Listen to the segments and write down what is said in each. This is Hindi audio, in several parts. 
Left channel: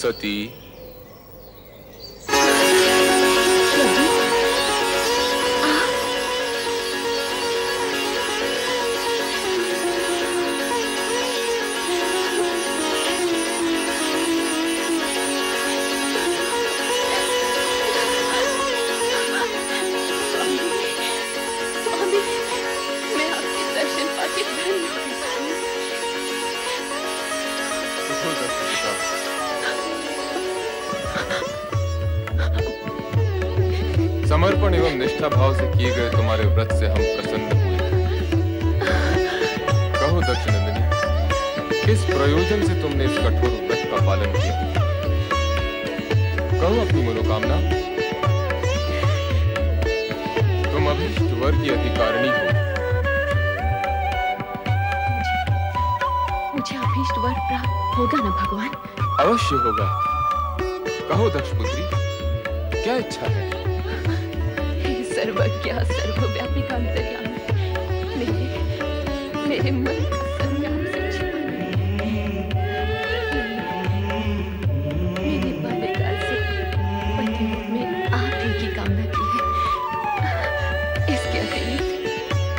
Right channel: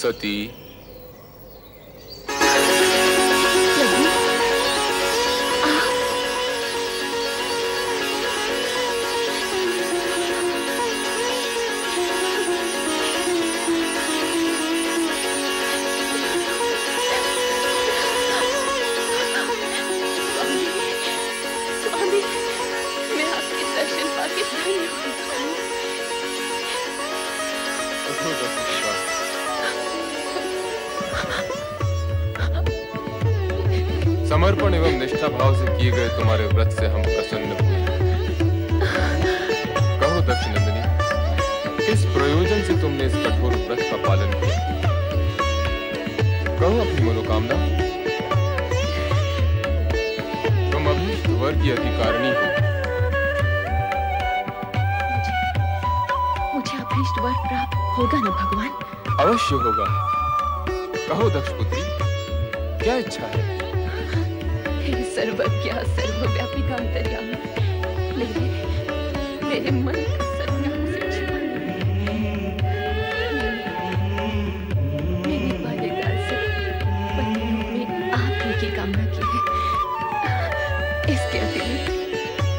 सती। प्रभु, आप? स्वामी, मैं आपके दर्शन पाके धन्य हो गई स्वामी। उठो दक्षिण पिता। समर्पण एवं निष्ठा भाव से किए गए तुम्हारे व्रत से हम प्रसन्न हुए। कहो दक्षिणनंदिनी, किस प्रयोजन से तुमने इस कठोर व्रत का पालन किया? कहो अपनी मनोकामना। तुम अभीष्ट वर की अधिकारिणी हो। मुझे अभीष्ट वर प्राप्त होगा ना भगवान? अवश्य होगा। कहो दक्षपुत्री, क्या इच्छा है? हे सर्वज्ञ सर्वव्यापी अंतर्यामी, मेरे मन का संज्ञान से छिपा नहीं। मैंने बाल्यकाल से पति रूप में आप ही की कामना की है।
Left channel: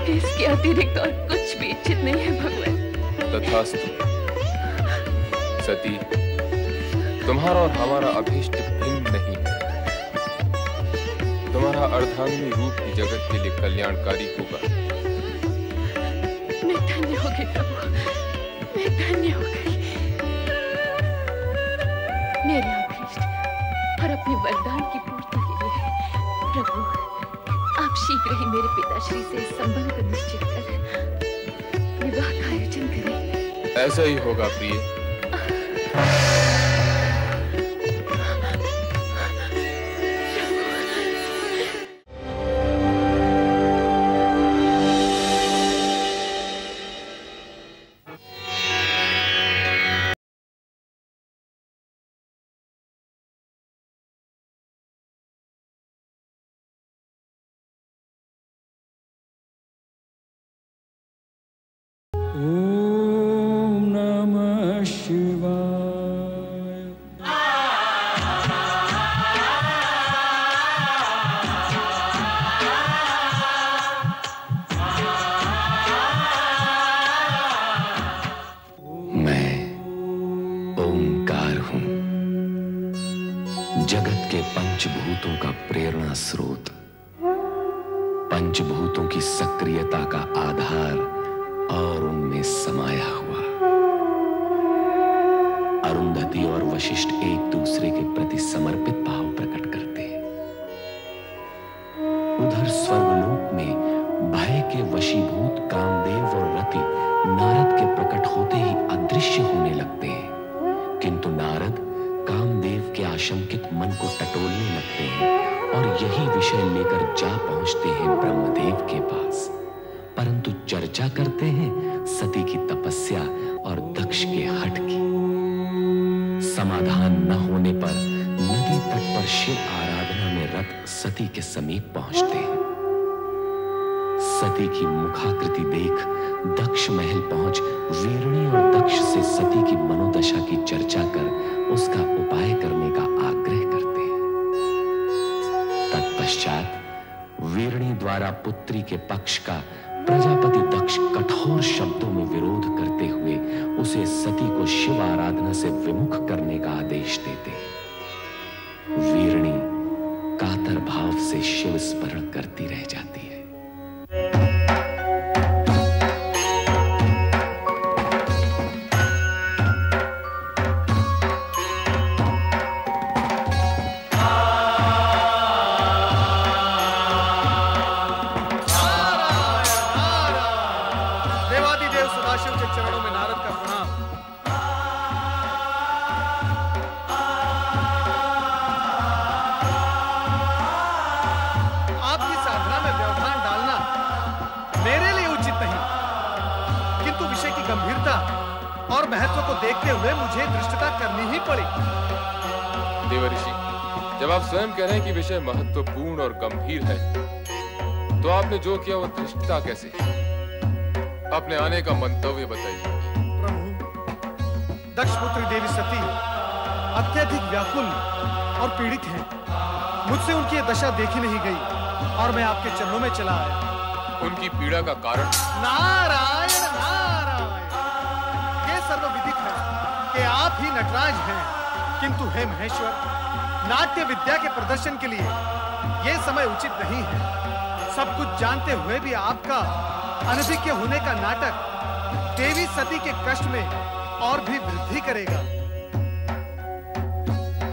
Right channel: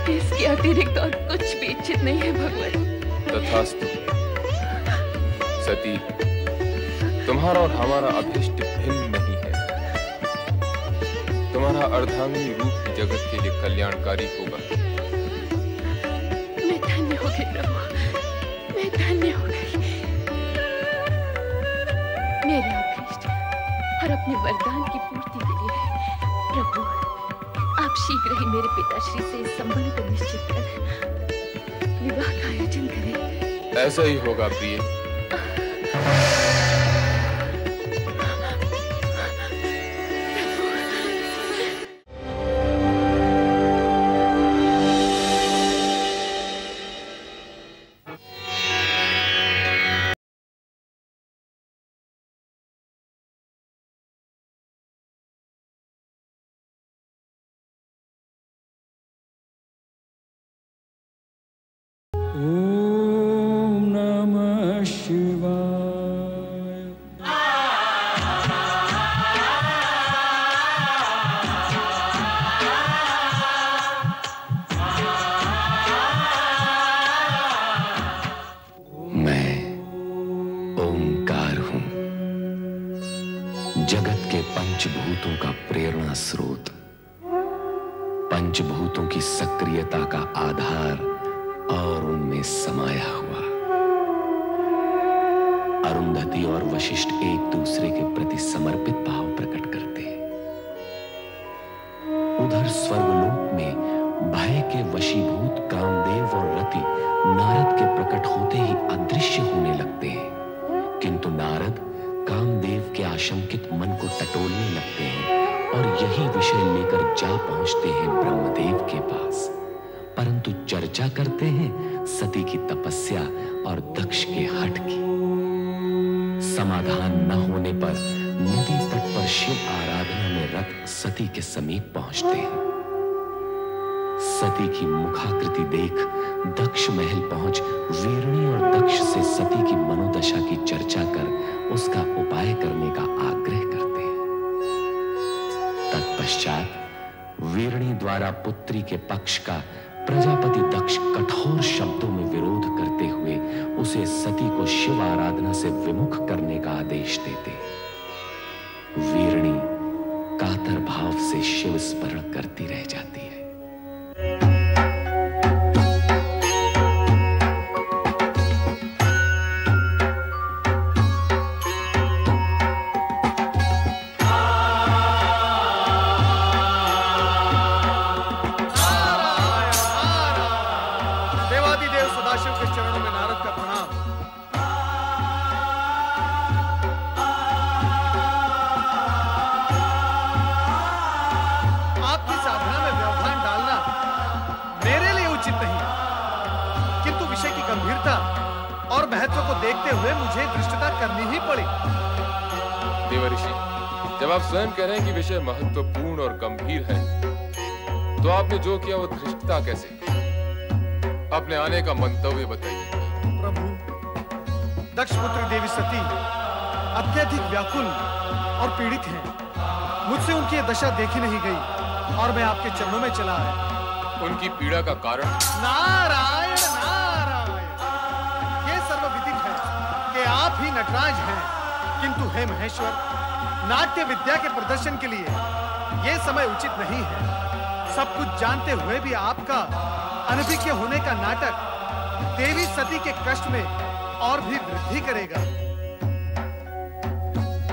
इसके अतिरिक्त और कुछ भी इच्छित नहीं है भगवान। तथास्तु। सती, तुम्हारा और हमारा अभीष्ट भिन्न नहीं है। तुम्हारा अर्धांगिनी रूप ही जगत के लिए कल्याणकारी होगा। मैं धन्य हो गई प्रभु, मैं धन्य हो गई। मेरे अभीष्ट और अपने वरदान की पूर्ति के लिए प्रभु, आप शीघ्र ही मेरे पिताश्री से इस संबंध को निश्चित कर विवाह का आयोजन करें। ऐसा ही होगा प्रिय। ओम नमः शिवाय। मैं ओंकार हूं, जगत के पंचभूतों का प्रेरणा स्रोत, पंचभूतों की सक्रियता का आधार और उनमें समाया हुआ। अरुंधति और वशिष्ठ एक दूसरे के प्रति समर्पित भाव प्रकट करते हैं। उधर स्वर्गलोक में भय के वशीभूत कामदेव और रति नारद के प्रकट होते ही अदृश्य होने लगते हैं, किंतु नारद कामदेव के आशंकित मन को टटोलने लगते हैं और यही विषय लेकर जा पहुंचते हैं ब्रह्मदेव के पास। परंतु चर्चा करते हैं सती की तपस्या और दक्ष के हठ की। समाधान न होने पर नदी तट पर शिव आराधना में रत सती के समीप पहुंचते हैं। सती की मुखाकृति देख दक्ष महल पहुंच वीरणी और दक्ष से सती की मनोदशा की चर्चा कर उसका उपाय करने का आग्रह करते हैं। तत्पश्चात वीरणी द्वारा पुत्री के पक्ष का प्रजापति दक्ष कठोर शब्दों में विरोध करते हुए उसे सती को शिव आराधना से विमुख करने का आदेश देते। वीरणी कातर भाव से शिव स्मरण करती रह जाती है। सदाशिव के चरणों में नारद का प्रणाम। आपकी साधना में व्यवधान डालना मेरे लिए उचित नहीं, किंतु विषय की गंभीरता और महत्व को देखते हुए मुझे धृष्टता करनी ही पड़ी। देवर्षि, जब आप स्वयं कह रहे हैं कि विषय महत्वपूर्ण और गंभीर है, तो आपने जो किया वो धृष्टता कैसे? अपने आने का मंतव्य बताइए। प्रभु, दक्षपुत्री देवी सती अत्यधिक व्याकुल और पीड़ित हैं। मुझसे उनकी ये दशा देखी नहीं गई और मैं आपके चरणों में चला आया। उनकी पीड़ा का कारण? नारायण नारायण, ये सर्वविदित है कि आप ही नटराज हैं, किंतु हे महेश्वर, नाट्य विद्या के प्रदर्शन के लिए ये समय उचित नहीं है। सब कुछ जानते हुए भी आपका अनभिज्ञ होने का नाटक देवी सती के कष्ट में और भी वृद्धि करेगा।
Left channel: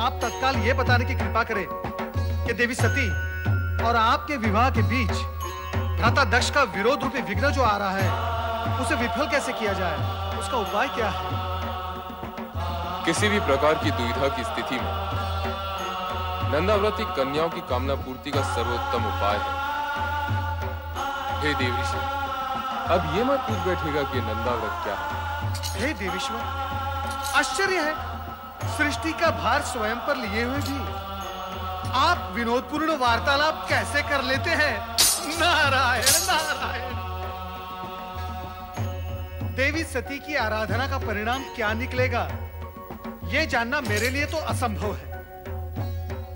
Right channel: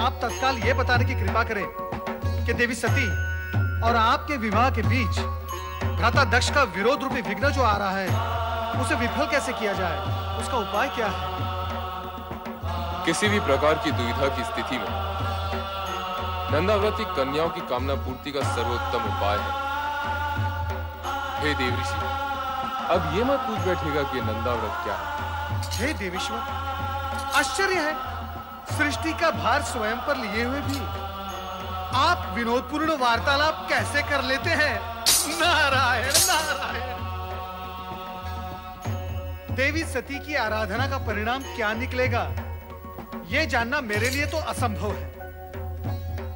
आप तत्काल ये बताने की कृपा करें कि देवी सती और आपके विवाह के बीच भ्राता दक्ष का विरोध रूपी विघ्न जो आ रहा है, उसे विफल कैसे किया जाए, उसका उपाय क्या है? किसी भी प्रकार की दुविधा की स्थिति में नंदाव्रती कन्याओं की कामना पूर्ति का सर्वोत्तम उपाय है। हे देवऋषि, अब ये मत पूछ बैठेगा कि नंदाव्रत क्या है। हे देवेश्वर, आश्चर्य है, सृष्टि का भार स्वयं पर लिए हुए भी आप विनोदपूर्ण वार्तालाप कैसे कर लेते हैं? नारायण नारायण। देवी सती की आराधना का परिणाम क्या निकलेगा, यह जानना मेरे लिए तो असंभव है।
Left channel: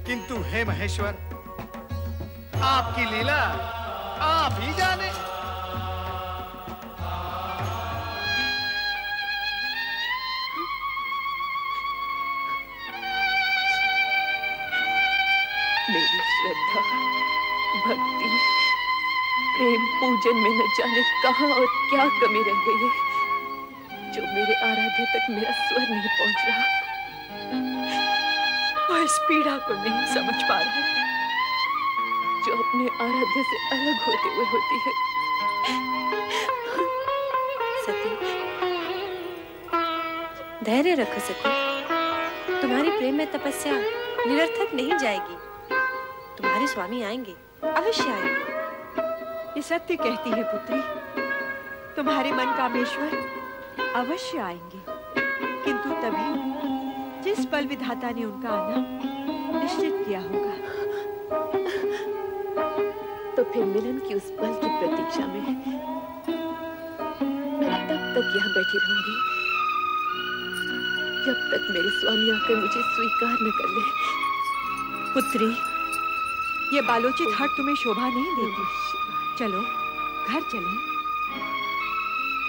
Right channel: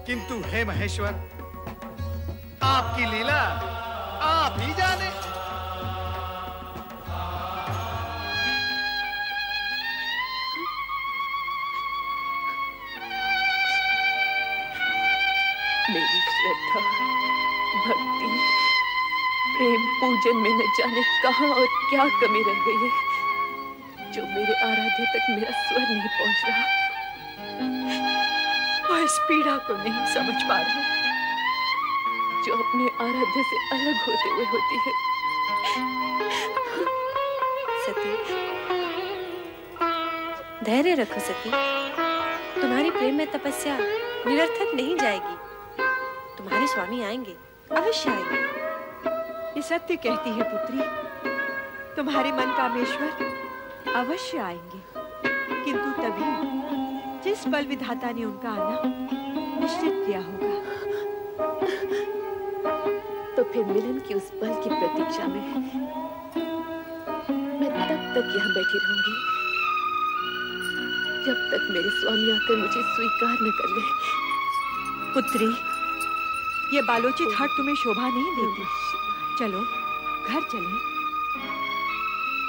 किंतु हे महेश्वर, आपकी लीला आप ही जाने। मेरी श्रद्धा, भक्ति, प्रेम, पूजन में न जाने कहां और क्या कमी रह गई है, जो मेरे आराध्य तक मेरा स्वर नहीं पहुंच रहा। वह इस पीड़ा को नहीं समझ पा रहा, जो अपने आराध्य से अलग होते हुए होती है। सती, धैर्य रखो सती। तुम्हारी प्रेम में तपस्या निरर्थक नहीं जाएगी। तुम्हारे स्वामी आएंगे, अवश्य आएंगे। ये सत्य कहती है पुत्री, तुम्हारे मन कामेश्वर अवश्य आएंगे, किंतु तभी जिस पल विधाता ने उनका आना निश्चित किया होगा। तो फिर मिलन की उस पल की प्रतीक्षा में मैं तब तक यहाँ बैठी रहूंगी जब तक मेरे स्वामी आकर मुझे स्वीकार न कर ले। पुत्री, ये बालोचित हट तुम्हें शोभा नहीं देती। चलो घर चलें।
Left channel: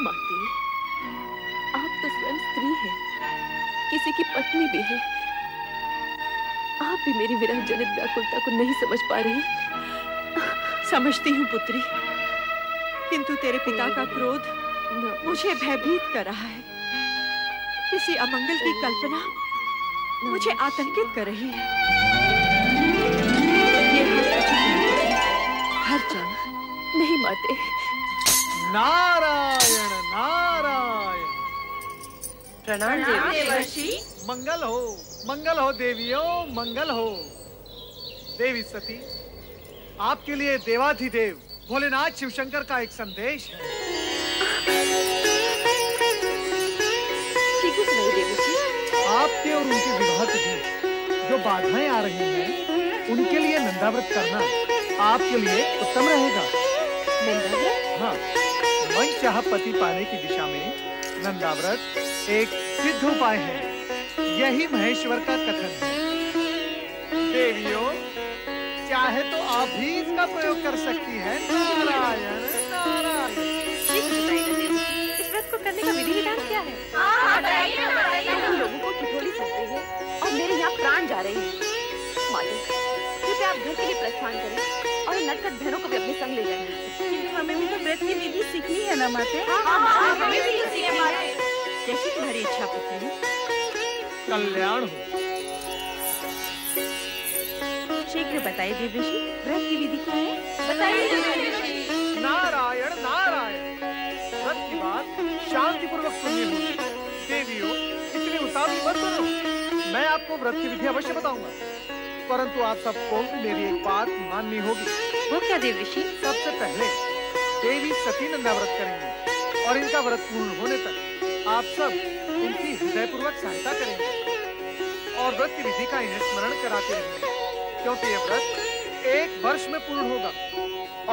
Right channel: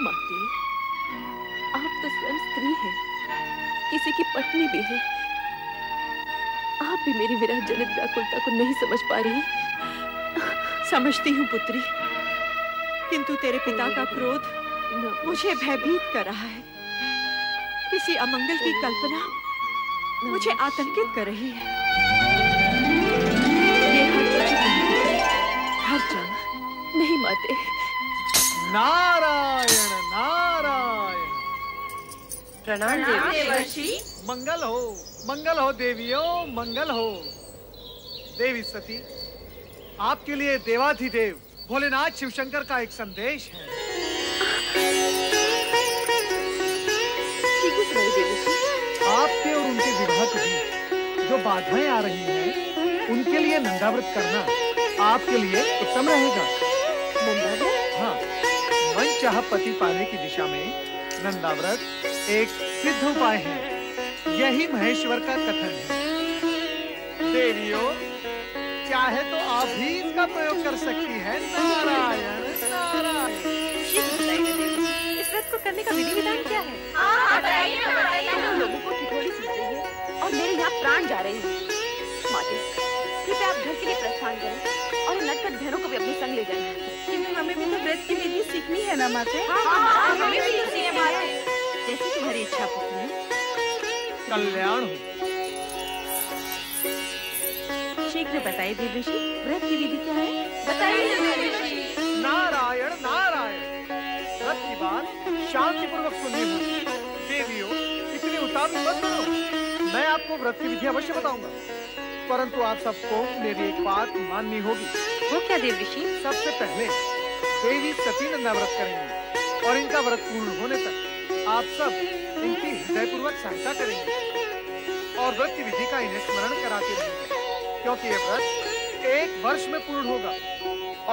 माते, आप तो स्वयं स्त्री हैं, किसी की पत्नी भी है। आप भी मेरी विरह जनित व्याकुलता को नहीं समझ पा रही। समझती हूँ पुत्री, किंतु तेरे पिता का क्रोध मुझे भयभीत कर रहा है। किसी अमंगल की कल्पना मुझे आतंकित कर रही है। ये हट उचित नहीं पुत्री, घर चल। नहीं माते। नारायण नारायण। प्रणाम देवर्षि। मंगल हो देवियों, मंगल हो। देवी सती, आपके लिए देवाधिदेव भोलेनाथ शिवशंकर का एक संदेश है। शीघ्र सुनाइए देवर्षि। आपके और उनके विवाह के बीच जो बाधाएं आ रही हैं, उनके लिए नंदाव्रत करना आपके लिए उत्तम रहेगा। नंदाव्रत? हाँ, मन चाह पति पाने की दिशा में नंदाव्रत एक सिद्ध उपाय है। यही महेश्वर का कथन है। देवियों, चाहे तो आप भी इसका प्रयोग कर सकती हैं। नारायण नारायण। शीघ्र बताइए ना देवी, इस व्रत को करने का विधि विधान क्या है? तुम लोगों को ठिठोली सुन रही है और मेरे यहाँ प्राण जा रहे हैं। माते, कृपया आप घर के लिए प्रस्थान करें और नटखट बहनों को भी अपने संग ले जाएं। किंतु हमें भी तो व्रत की विधि सीखनी है ना माते। हमें भी सीखनी है माते। जैसी तुम्हारी इच्छा पुत्री। कल्याण हो। शीघ्र बताइए देवर्षि, व्रत की विधि क्या है? बताइए देवर्षि। नारायण नारायण। व्रत की बात शांतिपूर्वक सुननी होगी। देवियों, इतनी उतावली मत करो। मैं आपको व्रत की विधि अवश्य बताऊंगा, परंतु आप सबको मेरी एक बात माननी होगी। वो क्या देवर्षि? सबसे पहले देवी सती नंदाव्रत करेंगी और इनका व्रत पूर्ण होने तक आप सब इनकी हृदयपूर्वक सहायता करेंगे और व्रत की विधि का इन्हें स्मरण कराते रहेंगे, क्योंकि ये व्रत 1 वर्ष में पूर्ण होगा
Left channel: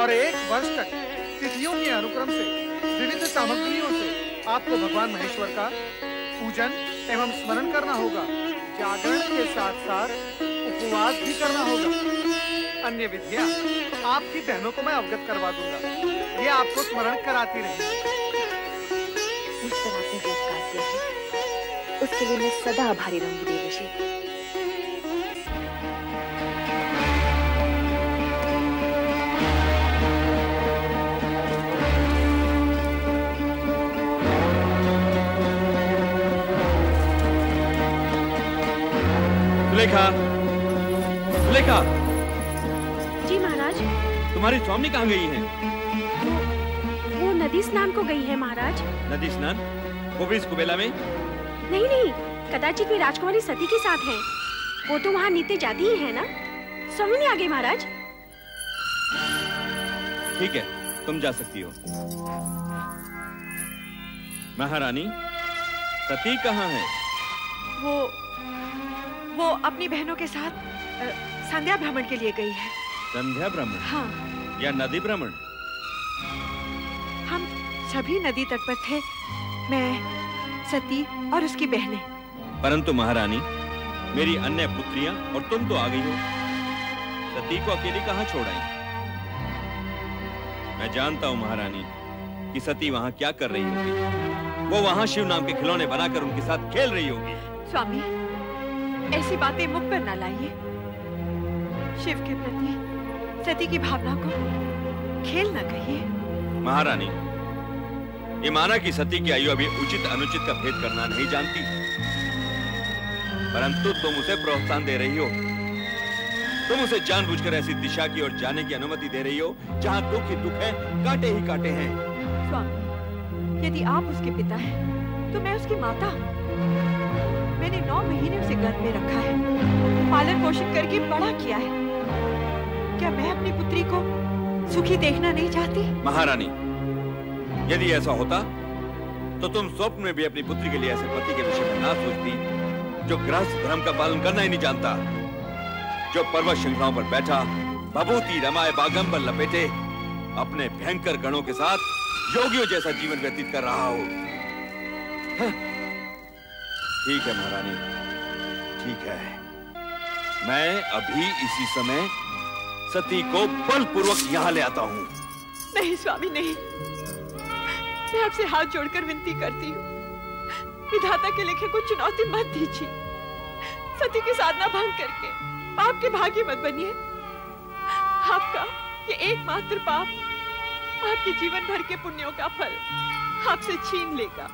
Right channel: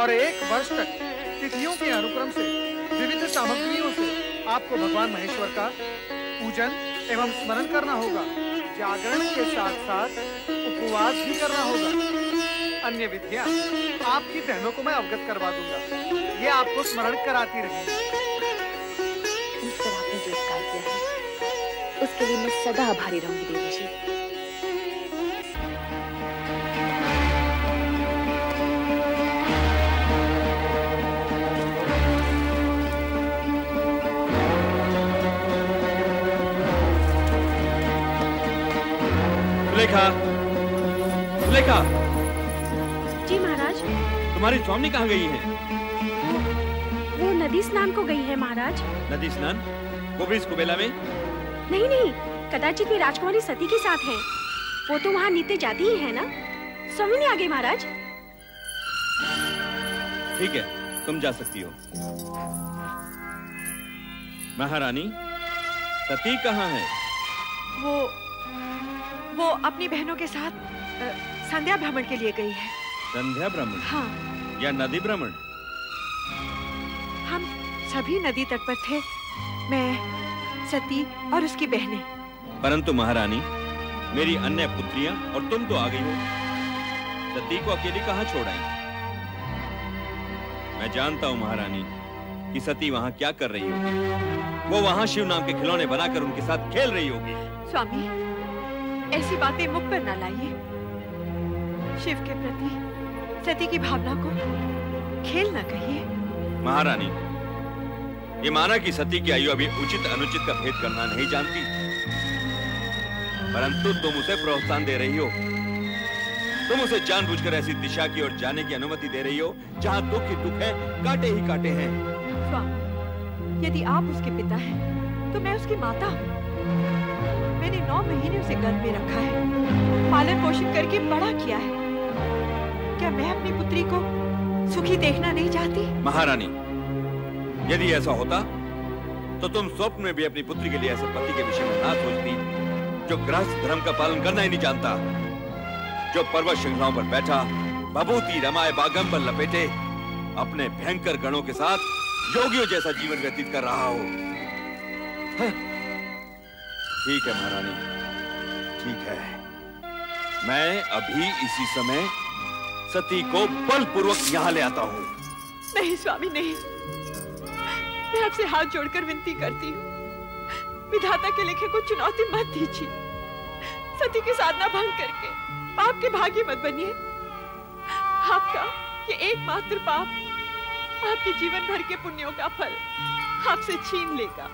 और 1 वर्ष तक तिथियों के अनुक्रम से विविध सामग्रियों से आपको भगवान महेश्वर का पूजन एवं स्मरण करना होगा। जागरण के साथ साथ उपवास भी करना होगा। अन्य विधियां आपकी बहनों को मैं अवगत करवा दूंगा, ये आपको स्मरण कराती रहेंगी। मुझ पर आपने जो उपकार किया है उसके लिए मैं सदा आभारी रहूंगी देवर्षि। सुलेखा, सुलेखा। जी महाराज। तुम्हारी स्वामी कहाँ गई हैं? वो नदी स्नान को गई है महाराज। नदी स्नान? वो भी इस कुबेला में? नहीं नहीं, कदाचित वे राजकुमारी सती के साथ हैं। वो तो वहाँ नित्य जाती ही है ना। स्वामी नहीं आ गए महाराज। ठीक है, तुम जा सकती हो। महारानी, सती कहाँ है? वो अपनी बहनों के साथ संध्या भ्रमण के लिए गई है। संध्या भ्रमण? हाँ। या नदी भ्रमण? हम सभी नदी तट पर थे, मैं, सती और उसकी बहनें। परंतु महारानी, मेरी अन्य पुत्रियां और तुम तो आ गई हो। सती को अकेली कहाँ छोड़ आई? मैं जानता हूँ महारानी कि सती वहाँ क्या कर रही होगी। वो वहाँ शिव नाम के खिलौने बनाकर उनके साथ खेल रही होगी। स्वामी, ऐसी बातें मुख पर न लाइए। शिव के प्रति सती की भावना को खेल न कहिए। महारानी, ये माना कि सती की आयु अभी उचित अनुचित का भेद करना नहीं जानती, परंतु तुम उसे प्रोत्साहन दे रही हो। तुम उसे जानबूझकर ऐसी दिशा की ओर जाने की अनुमति दे रही हो जहां दुख ही दुख है, कांटे ही कांटे हैं। स्वामी, यदि आप उसके पिता हैं, तो मैं उसकी माता हूँ। मैंने 9 महीने उसे गर्भ में रखा है, पालन पोषण करके बड़ा किया है। क्या मैं अपनी पुत्री को सुखी देखना नहीं चाहती? महारानी, यदि ऐसा होता तो तुम स्वप्न में भी अपनी पुत्री के लिए ऐसे पति के विषय में ना सोचती जो गृहस्थ धर्म का पालन करना ही नहीं जानता, जो पर्वत श्रृंखलाओं पर बैठा भभूति रमाए बागंबर लपेटे अपने भयंकर गणों के साथ योगियों जैसा जीवन व्यतीत कर रहा हो। ठीक है महारानी, ठीक है। मैं अभी इसी समय सती को बलपूर्वक यहाँ ले आता हूँ। नहीं स्वामी, नहीं। मैं आपसे हाथ जोड़कर विनती करती हूँ, विधाता के लिखे को चुनौती मत दीजिए। सती की साधना भंग करके पाप के भागी मत बनिए। आपका ये एकमात्र पाप आपके जीवन भर के पुण्यों का फल आपसे छीन लेगा।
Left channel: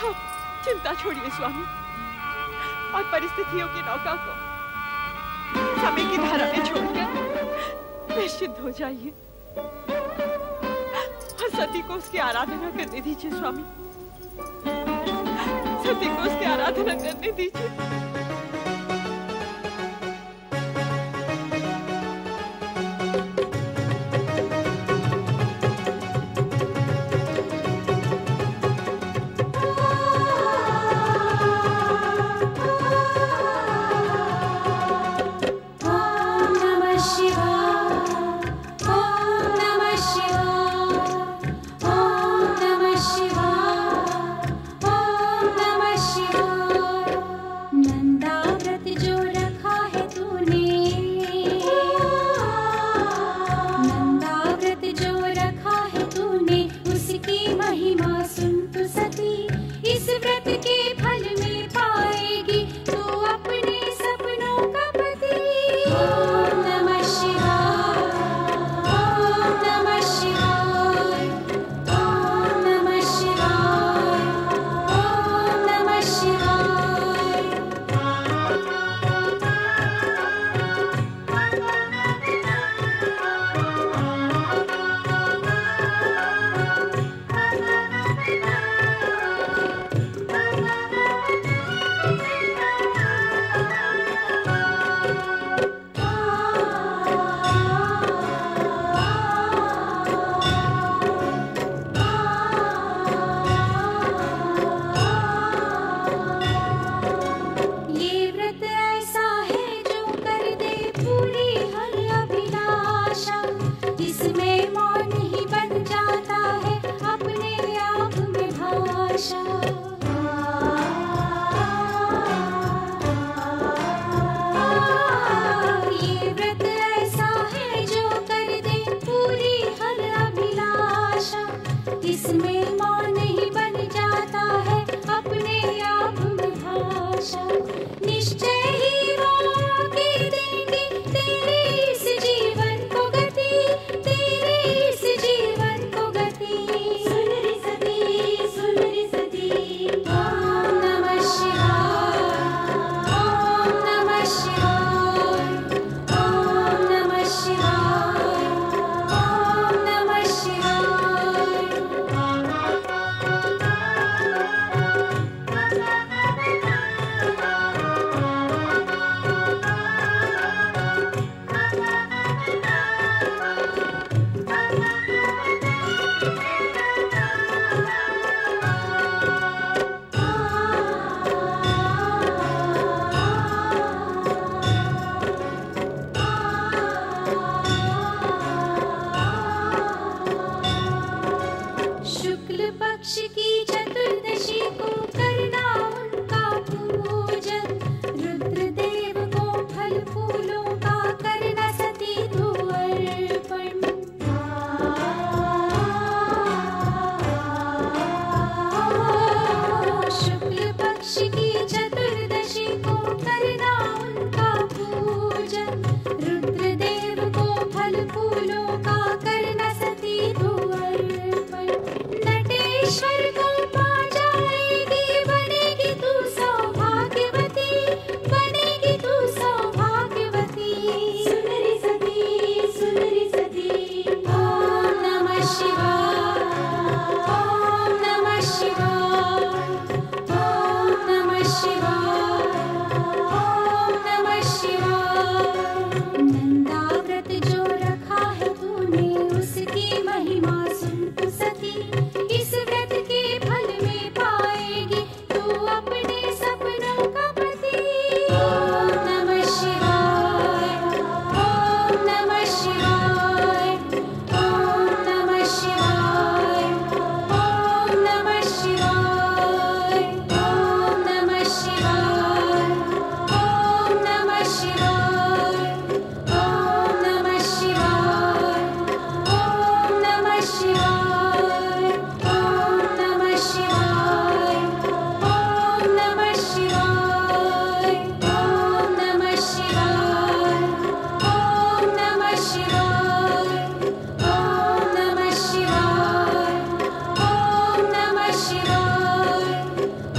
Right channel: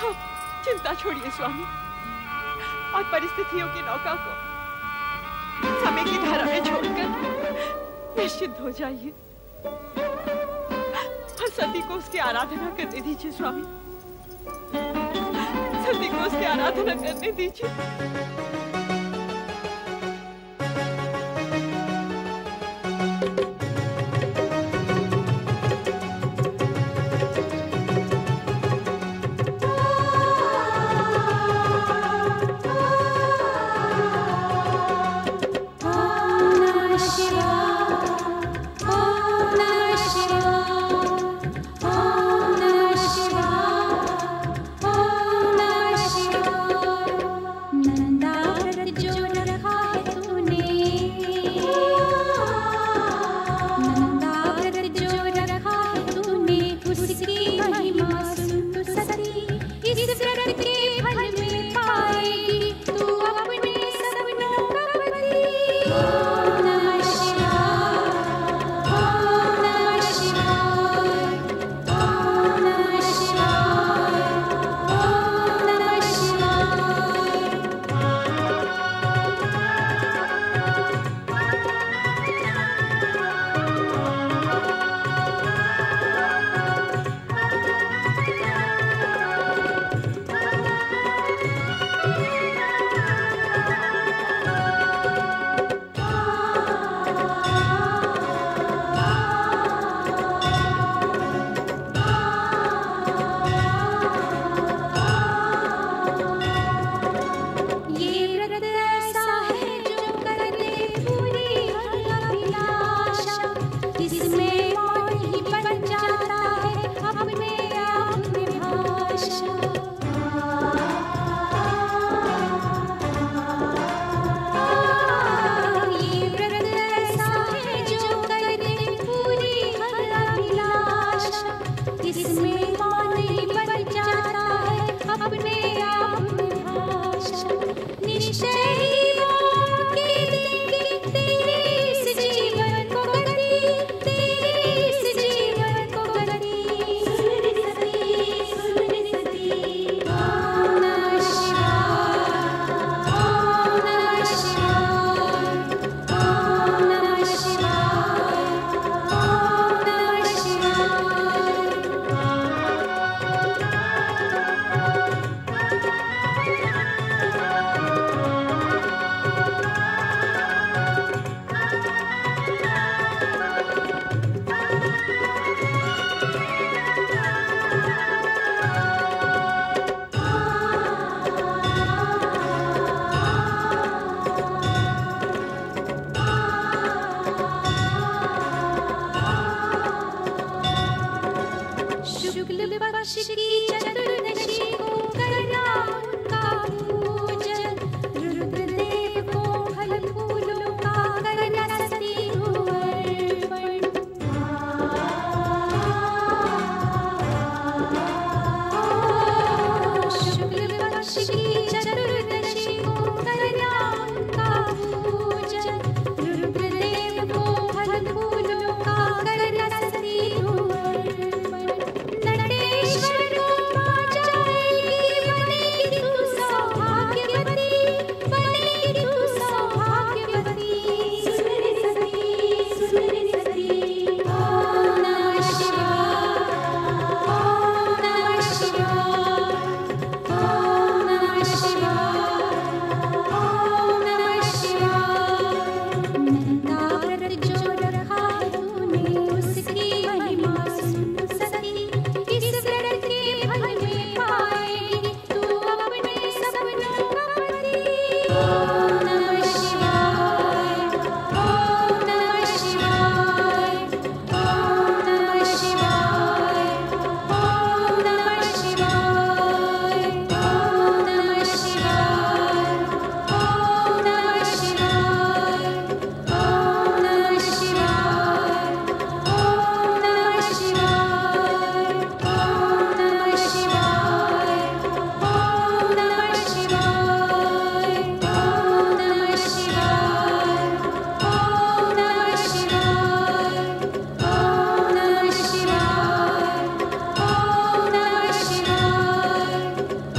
आप चिंता छोड़िए स्वामी, और परिस्थितियों की नौका को समय की धारा में छोड़कर निश्चिंत हो जाइए और सती को उसकी आराधना करने दीजिए। स्वामी, सती को उसकी आराधना करने दीजिए। नमः पक्ष की चतुर्दशी को करना उनका पूजन, रुद्रदेव को फल फूलों का करना सती को अर्पण। शुक्ल पक्ष की चतुर्दशी को करना उनका पूजन, रुद्रदेव को फल फूलों का करना सती को अर्पण। नटेश्वर को पा जाएगी, बनेगी तू सौभाग्यवती, बनेगी तू सौभाग्यवती। सुंदरी सती ओम नमः शिवाय, ओम नमः शिवाय, ओम नमः शिवाय, ओम नमः शिवाय। नंदाव्रत जो रखा है तूने, उसकी महिमा सुन तू सती, इस व्रत के फल में पाएगी तू अपने सपनों का पति। ओम नमः शिवाय, ओम नमः शिवाय, ओम नमः शिवाय, ओम नमः शिवाय, ओम नमः शिवाय, ओम नमः शिवाय, ओम नमः शिवाय, ओम नमः शिवाय, ओम नमः शिवाय, ओम नमः शिवाय, ओम नमः शिवाय, ओम नमः शिवाय, ओम नमः शिवाय, ओम नमः शिवाय,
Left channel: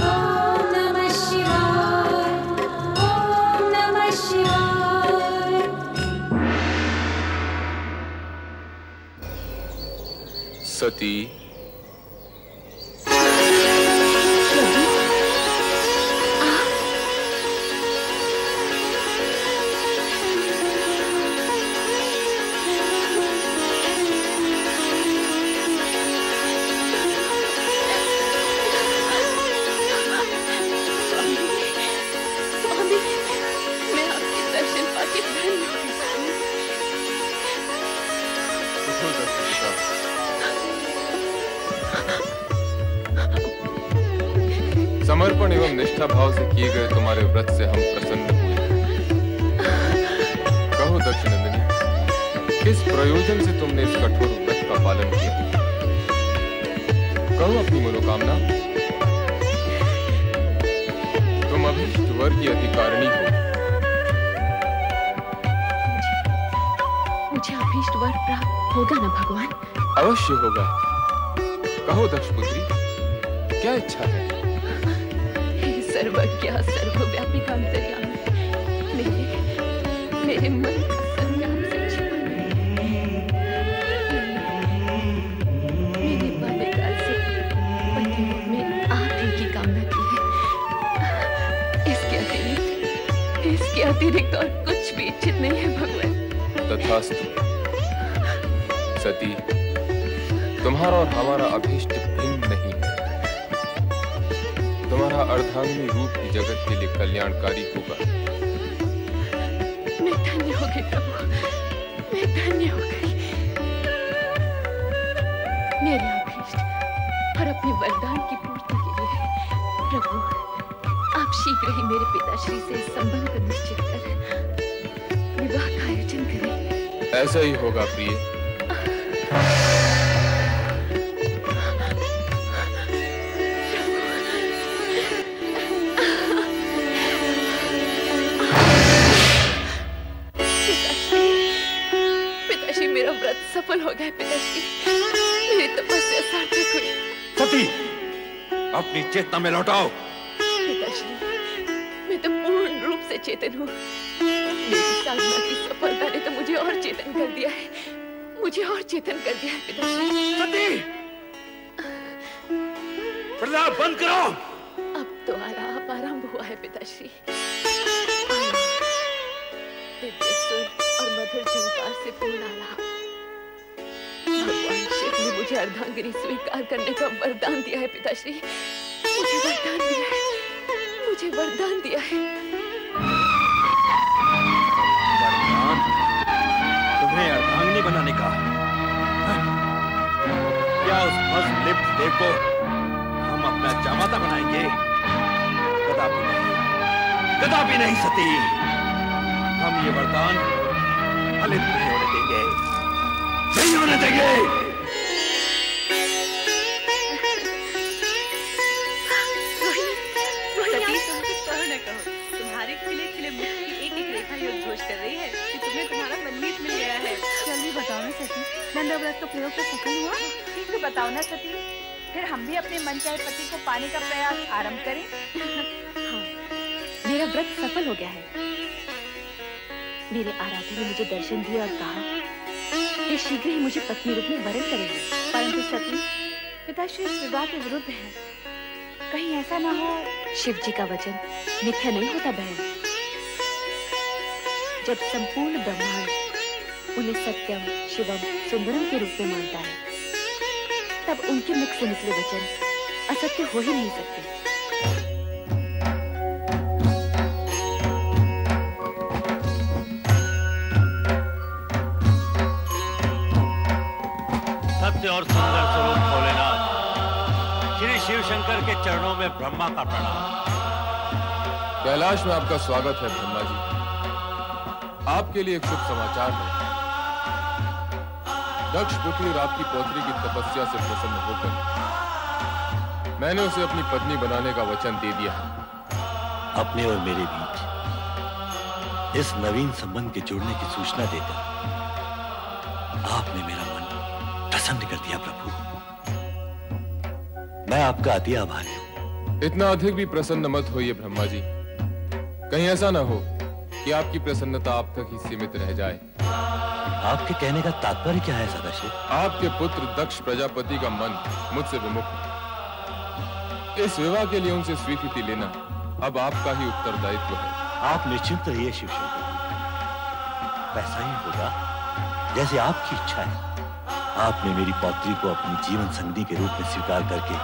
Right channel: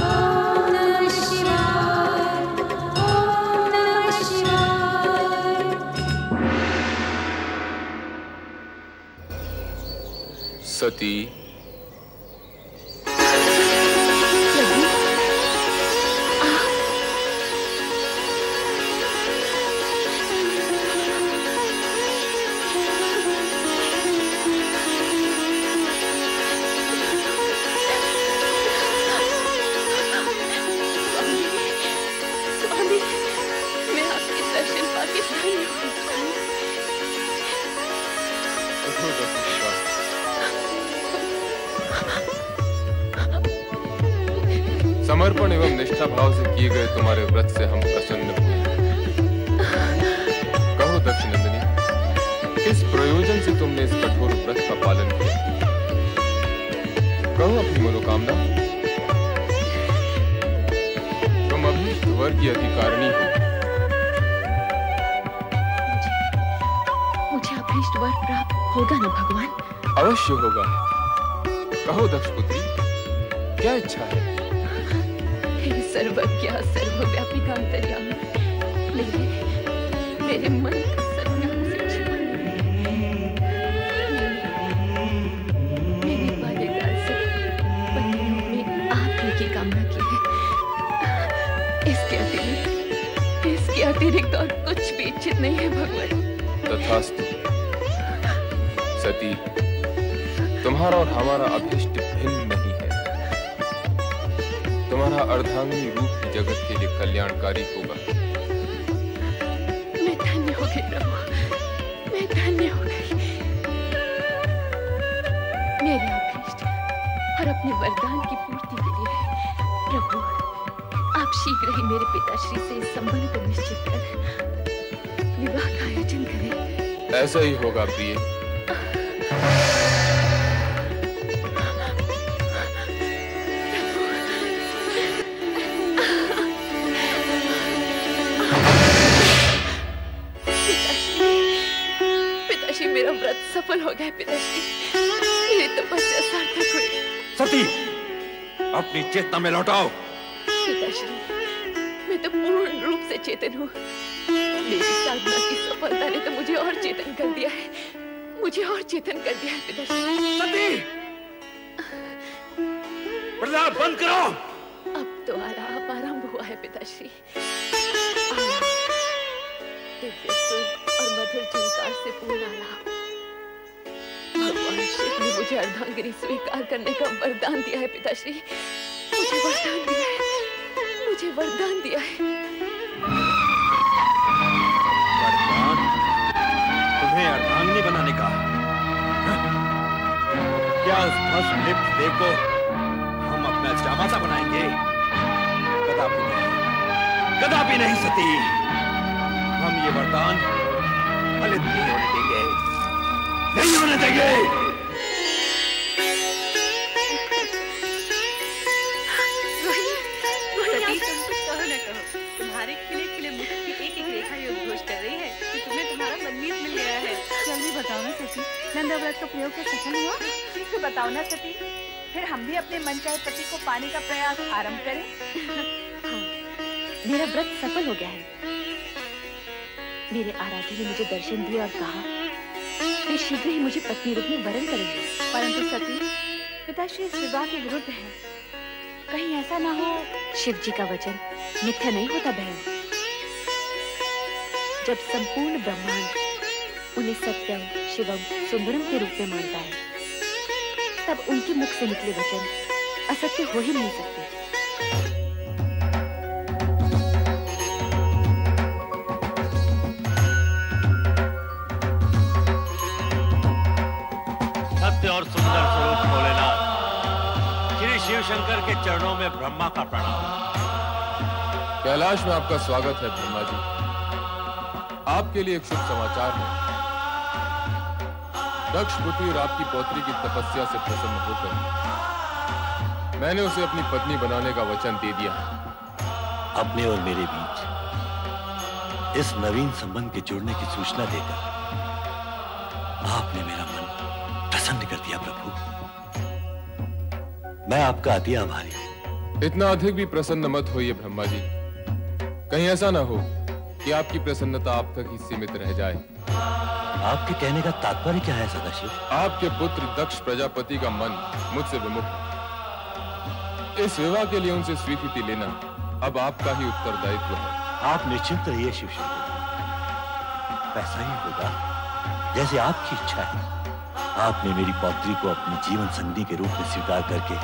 ओम नमः शिवाय, ओम नमः शिवाय। सती, प्रभु आप स्वामी, स्वामी, मैं आपके दर्शन पाके धन्य हुई स्वामी। उठो दक्षिण पिता। समर्पण एवं निष्ठा भाव से किए गए तुम्हारे व्रत से हम प्रसन्न हुए। कहो दक्षिणनंदिनी, किस प्रयोजन से तुमने इस कठोर व्रत का पालन किया? कहो अपनी मनोकामना। तुम अभीष्ट वर की अधिकारिणी हो। मुझे अभीष्ट वर प्राप्त होगा ना भगवान? अवश्य होगा। कहो दक्षपुत्री, क्या इच्छा है? हे सर्वज्ञा सर्वव्यापी का अंतर्यामी, मेरे मन का सत्याग से छिपा नहीं। मैंने बाल्यकाल से पति रूप में आप ही की कामना की है। इसके अतिरिक्त और कुछ भी इच्छित नहीं है भगवान। तथास्तु। सती, तुम्हारा और हमारा अभीष्ट भिन्न नहीं है। तुम्हारा अर्धांगिनी रूप ही जगत के लिए कल्याणकारी होगा। मैं धन्य हो गई प्रभु, मैं धन्य हो गई। मेरे अभीष्ट और अपने वरदान की पूर्ति के लिए प्रभु आप शीघ्र ही मेरे पिताश्री से इस संबंध को निश्चित कर विवाह का आयोजन करें। ऐसा ही होगा प्रिय। पिताश्री, मेरा व्रत सफल हो गया। पिताश्री, मेरी तपस्या सार्थक हुई। सती, अपनी चेतना में लौटाओ। पिताश्री, मैं तो पूर्ण रूप से चेतन हूँ। मेरी साधना की सफलता ने तो मुझे और चेतन कर दिया है, मुझे और चेतन कर दिया है पिताश्री। सती, प्रलाप बंद करो। अब तो आलाप आरंभ हुआ है पिताश्री। दिव्य सुर और मधुर झंकार से पूर्ण आलाप। भगवान शिव ने मुझे अर्धांगिनी स्वीकार करने का वरदान दिया है पिताश्री। मुझे वरदान दिया है, मुझे वरदान दिया है। वरदान? तुम्हें अर्धांगिनी बनाने का? क्या उस भस्म लिप्त देव को हम अपना जामाता बनाएंगे। कदापि नहीं, कदापि नहीं सती। हम ये वरदान फलित नहीं होने देंगे, नहीं होने देंगे। सती, तुम कुछ कहो न कहो, तुम्हारे खिले खिले मुख की एक एक रेखा ये उद्घोष कर रही है कि तुम्हें तुम्हारा मनमीत मिल गया है। जल्दी बताओ ना सती, नंदा व्रत का प्रयोग तो सफल हुआ? ठीक तो बताओ ना सती, फिर हम भी अपने मनचाहे पति को पाने का प्रयास आरंभ करें। हाँ, मेरा व्रत सफल हो गया है। मेरे आराध्य ने मुझे दर्शन दिए और कहा वे शीघ्र ही मुझे पत्नी रूप में वरण करेंगे। परंतु सती, पिताश्री इस विवाह के विरुद्ध है। कहीं ऐसा ना हो। शिव जी का वचन मिथ्या नहीं होता बहन। जब संपूर्ण ब्रह्मांड उन्हें सत्यम, शिवम, सुंदरम के रूप में मानता है, तब उनके मुख से निकले वचन असत्य हो ही नहीं सकते। सत्य और सुंदर स्वरूप भोलेनाथ, श्री शिव शंकर के चरणों में ब्रह्मा का प्रणाम। कैलाश में आपका स्वागत है ब्रह्मा जी। आपके लिए एक शुभ समाचार है। दक्ष पुत्री और आपकी पौत्री की तपस्या से प्रसन्न होकर मैंने उसे अपनी पत्नी बनाने का वचन दे दिया है। अपने और मेरे बीच इस नवीन संबंध के जुड़ने की सूचना देकर आपने मेरा मन प्रसन्न कर दिया प्रभु। मैं आपका अति आभारी हूं। इतना अधिक भी प्रसन्न मत होइए ब्रह्मा जी। कहीं ऐसा ना हो कि आपकी प्रसन्नता आप तक ही सीमित रह जाए। आपके कहने का तात्पर्य क्या है सदाशिव? आपके पुत्र दक्ष प्रजापति का मन मुझसे विमुख है। इस विवाह के लिए उनसे स्वीकृति लेना अब आपका ही उत्तरदायित्व है। आप निश्चिंत रहिए शिव शंकर जी, वैसा ही होगा जैसे आपकी इच्छा है। आपने मेरी पौत्री को अपनी जीवन संगनी के रूप में स्वीकार करके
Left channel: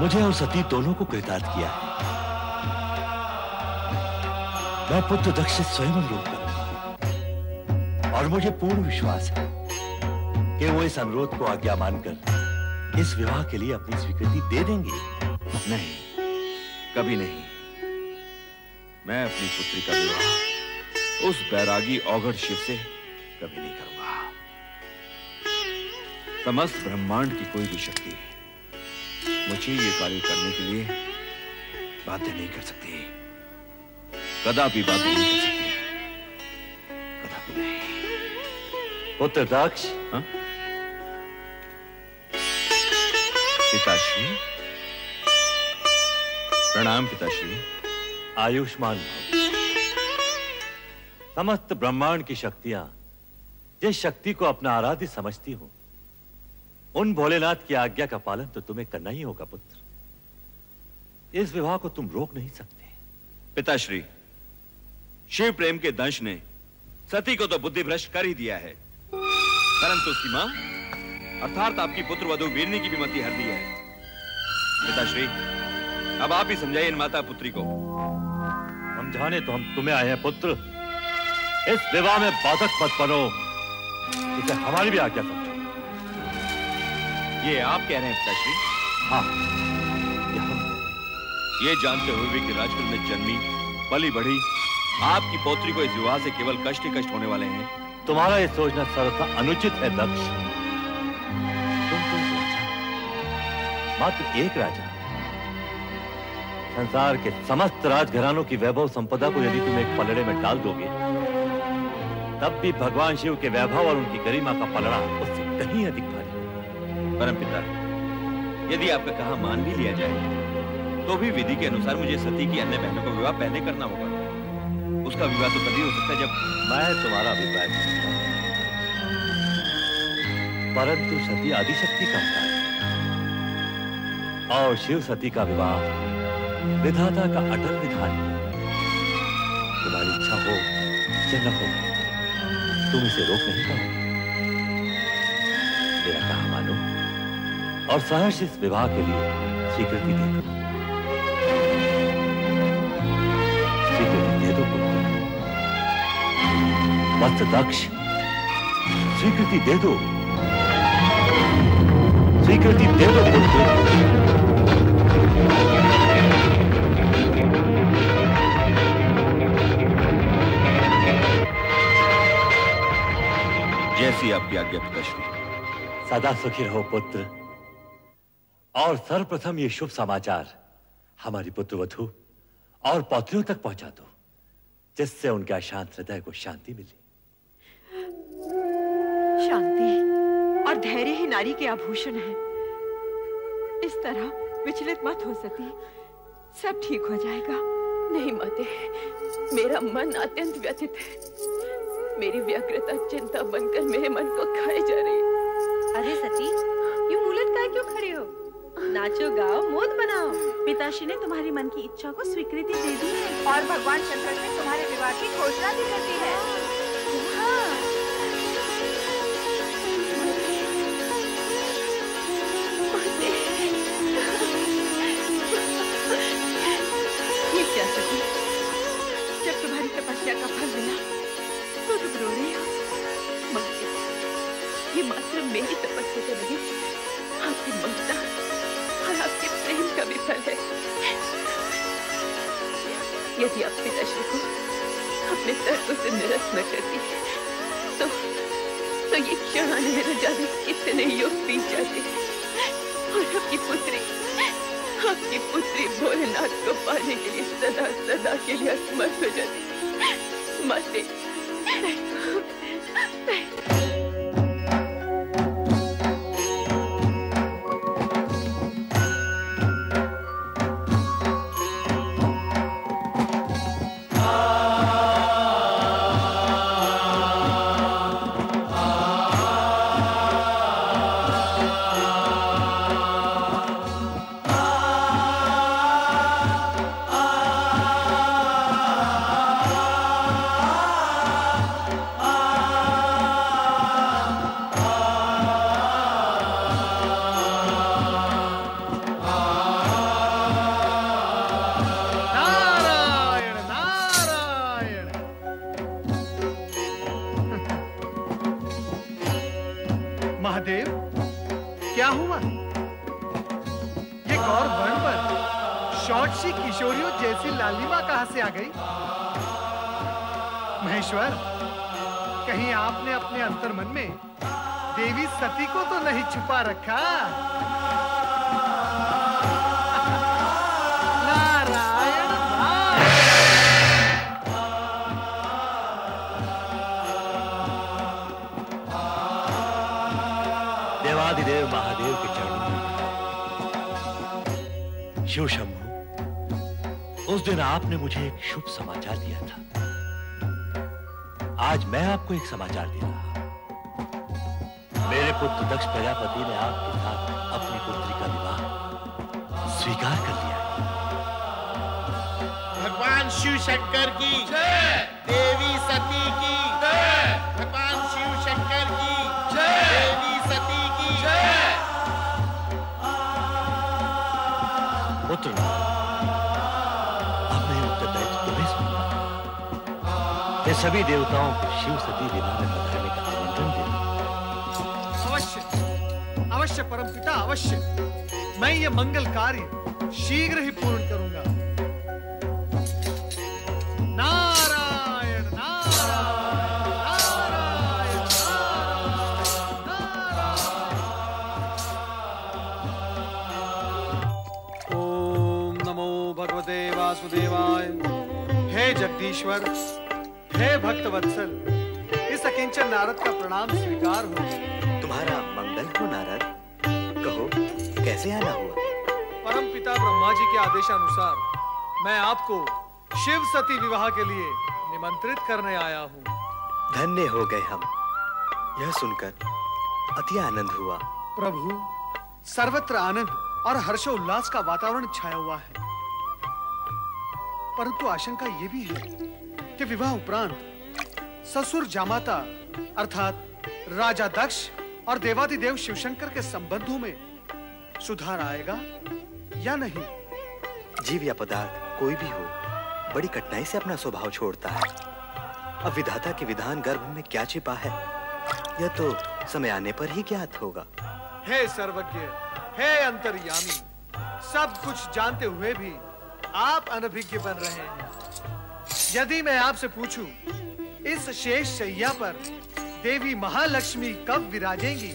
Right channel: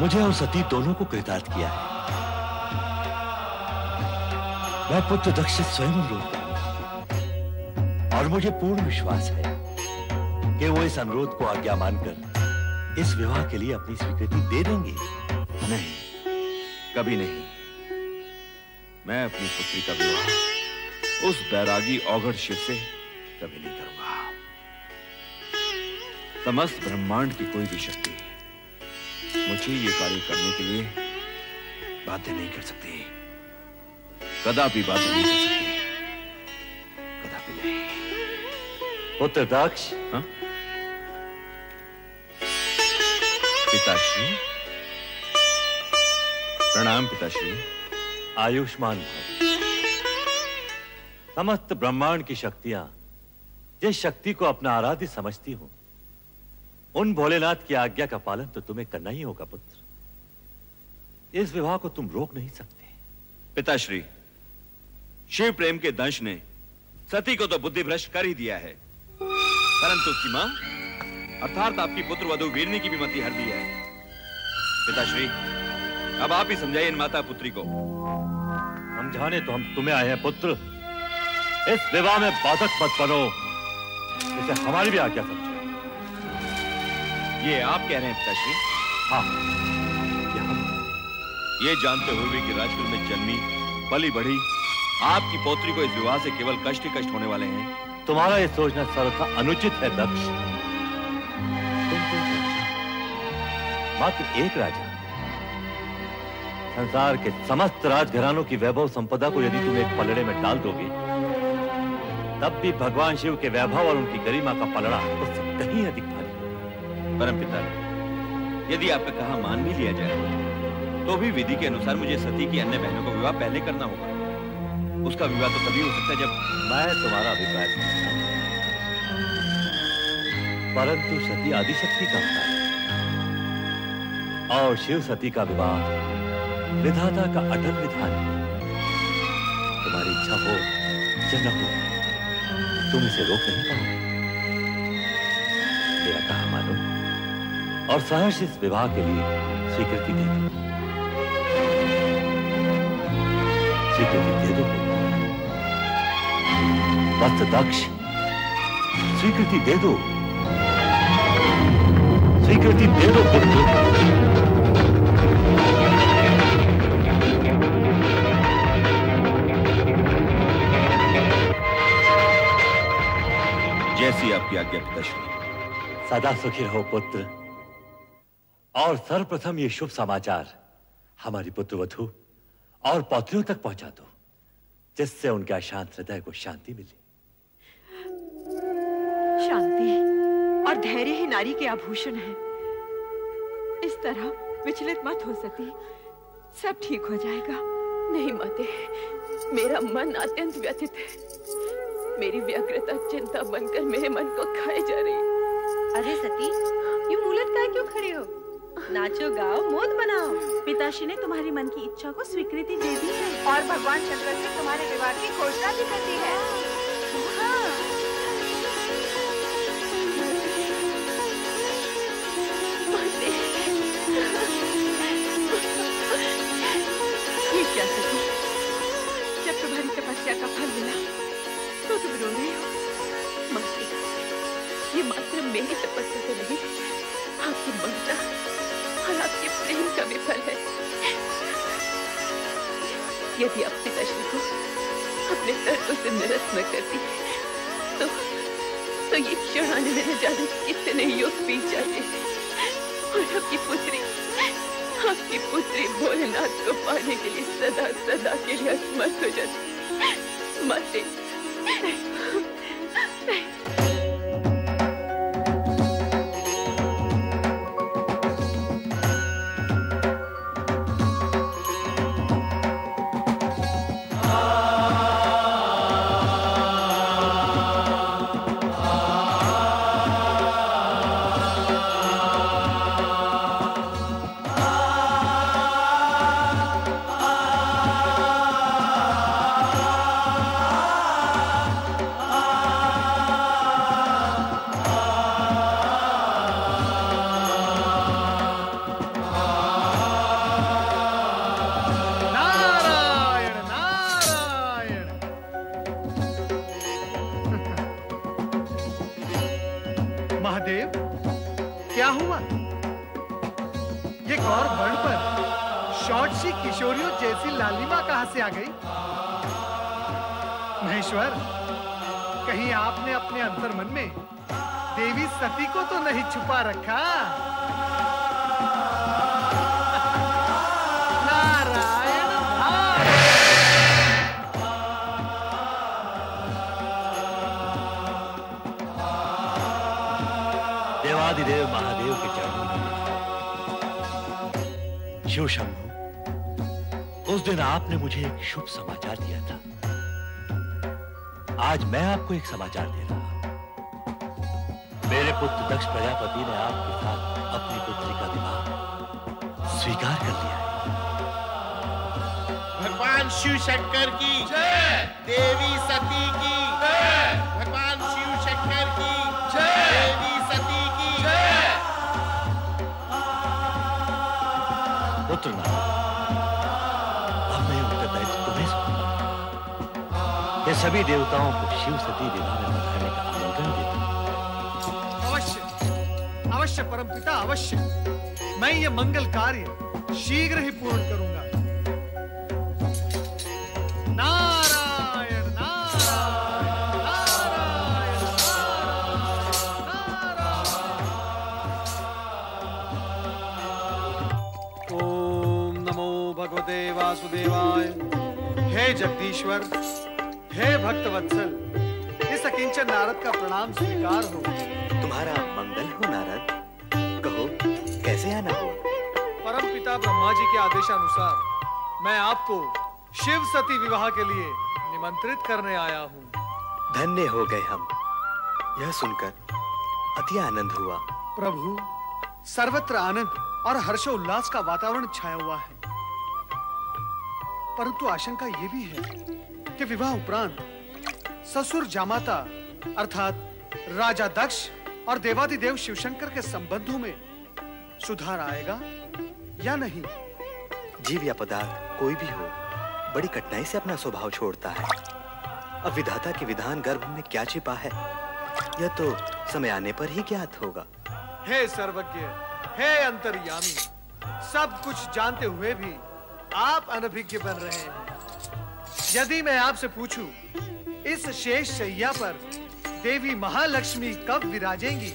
मुझे और सती दोनों को कृतार्थ किया है। मैं पुत्र दक्ष से स्वयं अनुरोध करूंगा और मुझे पूर्ण विश्वास है कि वो इस अनुरोध को आज्ञा मानकर इस विवाह के लिए अपनी स्वीकृति दे देंगे। नहीं, कभी नहीं। मैं अपनी पुत्री का विवाह उस बैरागी औघड़ शिव से कभी नहीं करूंगा। समस्त ब्रह्मांड की कोई भी शक्ति मुझे ये कार्य करने के लिए बाध्य नहीं कर सकती, कदापि बाध्य नहीं कर सकती, कदापि नहीं। पुत्र दक्ष, पिताश्री प्रणाम। पिताश्री आयुष्मान भव। समस्त ब्रह्मांड की शक्तियां जिस शक्ति को अपना आराध्य समझती हूं, उन भोलेनाथ की आज्ञा का पालन तो तुम्हें करना ही होगा पुत्र। इस विवाह को तुम रोक नहीं सकते। पिताश्री, शिव प्रेम के दंश ने सती को तो बुद्धि भ्रष्ट कर ही दिया है, परंतु उसकी मां अर्थात आपकी पुत्र वधू वीरनी की भी मति हर दी है। पिताश्री, अब आप ही समझाइए इन माता पुत्री को। समझाने तो हम तुम्हें आए हैं पुत्र। इस विवाह में बाधक मत बनो, इसे हमारी भी आज्ञा समझो। ये आप कह रहे हैं पिताश्री? हाँ, ये हम। ये जानते हुए भी कि राजकुल में जन्मी पली बढ़ी आपकी पौत्री को इस विवाह से केवल कष्ट ही कष्ट होने वाले हैं। तुम्हारा ये सोचना सर्वथा अनुचित है दक्ष। तुम तो एक राजा, मात्र एक राजा। संसार के समस्त राजघरानों की वैभव संपदा को यदि तुम एक पलड़े में डाल दोगे, तब भी भगवान शिव के वैभव और उनकी गरिमा का पलड़ा उससे कहीं अधिक भारी होगा। परमपिता, यदि आपका कहा मान भी लिया जाए तो भी विधि के अनुसार मुझे सती की अन्य बहनों का विवाह पहले करना होगा। उसका विवाह तो तभी हो सकता है जब। मैं तुम्हारा अभिप्राय समझता हूं, परंतु सती आदिशक्ति का अवतार है और शिव सती का विवाह विधाता का अटल विधान है। तुम्हारी इच्छा हो या न हो, तुम इसे रोक नहीं पाओगे। मेरा कहा मानो और सहर्ष इस विवाह के लिए स्वीकृति दे दो। स्वीकृति दे दो पुत्र। वत्स दक्ष, स्वीकृति दे दो। स्वीकृति दे दो पुत्र। जैसी आपकी आज्ञा पिताश्री। सदा सुखी रहो पुत्र। और सर्वप्रथम ये शुभ समाचार हमारी पुत्रवधू और पौत्रियों तक पहुंचा दो, जिससे उनके अशांत हृदय को शांति मिले। शांति और धैर्य ही नारी के आभूषण है। इस तरह विचलित मत हो सती, सब ठीक हो जाएगा। नहीं माते, मेरा मन अत्यंत व्यथित है। मेरी व्यग्रता चिंता बनकर मेरे मन को खाए जा रही। अरे सती, यूं उलट कर क्यों खड़े हो? नाचो गाओ, मोद बनाओ। पिताश्री ने तुम्हारी मन की इच्छा को स्वीकृति दे दी है और भगवान शंकर से तुम्हारे विवाह की घोषणा भी कर दी है। हाँ। ये क्या सती, जब तुम्हारी तपस्या का फल मिला तो तुम रो रही हो? माते, ये मात्र मेरी तपस्या तो नहीं, आपकी ममता और आपके प्रेम का भी फल है। यदि आप पिताश्री को अपने तर्कों से निरस्त न करती तो ये क्षण आने में न जाने कितने युग बीत जाते और आपकी पुत्री भोलेनाथ को पाने के लिए सदा सदा के लिए असमर्थ हो जाती। माते, नहीं। महादेव, क्या हुआ? ये गौर वर्ण पर शॉर्टसी किशोरियों जैसी लालिमा कहां से आ गई? महेश्वर, कहीं आपने अपने अंतर्मन में देवी सती को तो नहीं छुपा रखा? नारायण नारायण। देवादिदेव महादेव के चरणों में शिव शंभु, उस दिन आपने मुझे एक शुभ समाचार दिया था। आज मैं आपको एक समाचार दे रहा हूं। मेरे पुत्र दक्ष प्रजापति ने आपके साथ अपनी पुत्री का विवाह स्वीकार कर लिया है। भगवान शिव शंकर की जय, देवी सती की जय, भगवान शिव शंकर की जय, देवी सती की जय। पुत्र नारद, अब मैं उत्तरदायित्व तुम्हें सौंपता हूं। मैं सभी देवताओं को शिव सती विवाह में पधारने का आमंत्रण देता हूं। अवश्य, अवश्य परमपिता, अवश्य। मैं ये मंगल कार्य शीघ्र ही पूर्ण करूंगा। नारायण नारायण नारायण नारायण। ओम नमो भगवते वासुदेवाय। हे जगदीश्वर, हे भक्तवत्सल, इस अकिंचन नारद का प्रणाम स्वीकार हो। तुम्हारा मंगल हो नारद, कहो कैसे आना हुआ? परम पिता ब्रह्मा जी के आदेशानुसार मैं आपको शिव सती विवाह के लिए निमंत्रित करने आया हूँ। धन्य हो गए हम, यह सुनकर अति आनंद हुआ। प्रभु, सर्वत्र आनंद और हर्षोल्लास का वातावरण छाया हुआ है, परंतु आशंका ये भी है कि विवाह उपरांत ससुर जामाता अर्थात राजा दक्ष और देवादिदेव शिवशंकर के संबंधों में सुधार आएगा या नहीं? जीव या पदार्थ कोई भी हो, बड़ी कठिनाई से अपना स्वभाव छोड़ता है। अब विधाता के विधान गर्भ में क्या छिपा है, यह तो समय आने पर ही ज्ञात होगा। हे सर्वज्ञ, हे अंतर्यामी, सब कुछ जानते हुए भी आप अनभिज्ञ बन रहे हैं। यदि मैं आपसे पूछूं, इस शेष शैया पर देवी महालक्ष्मी कब विराजेंगी,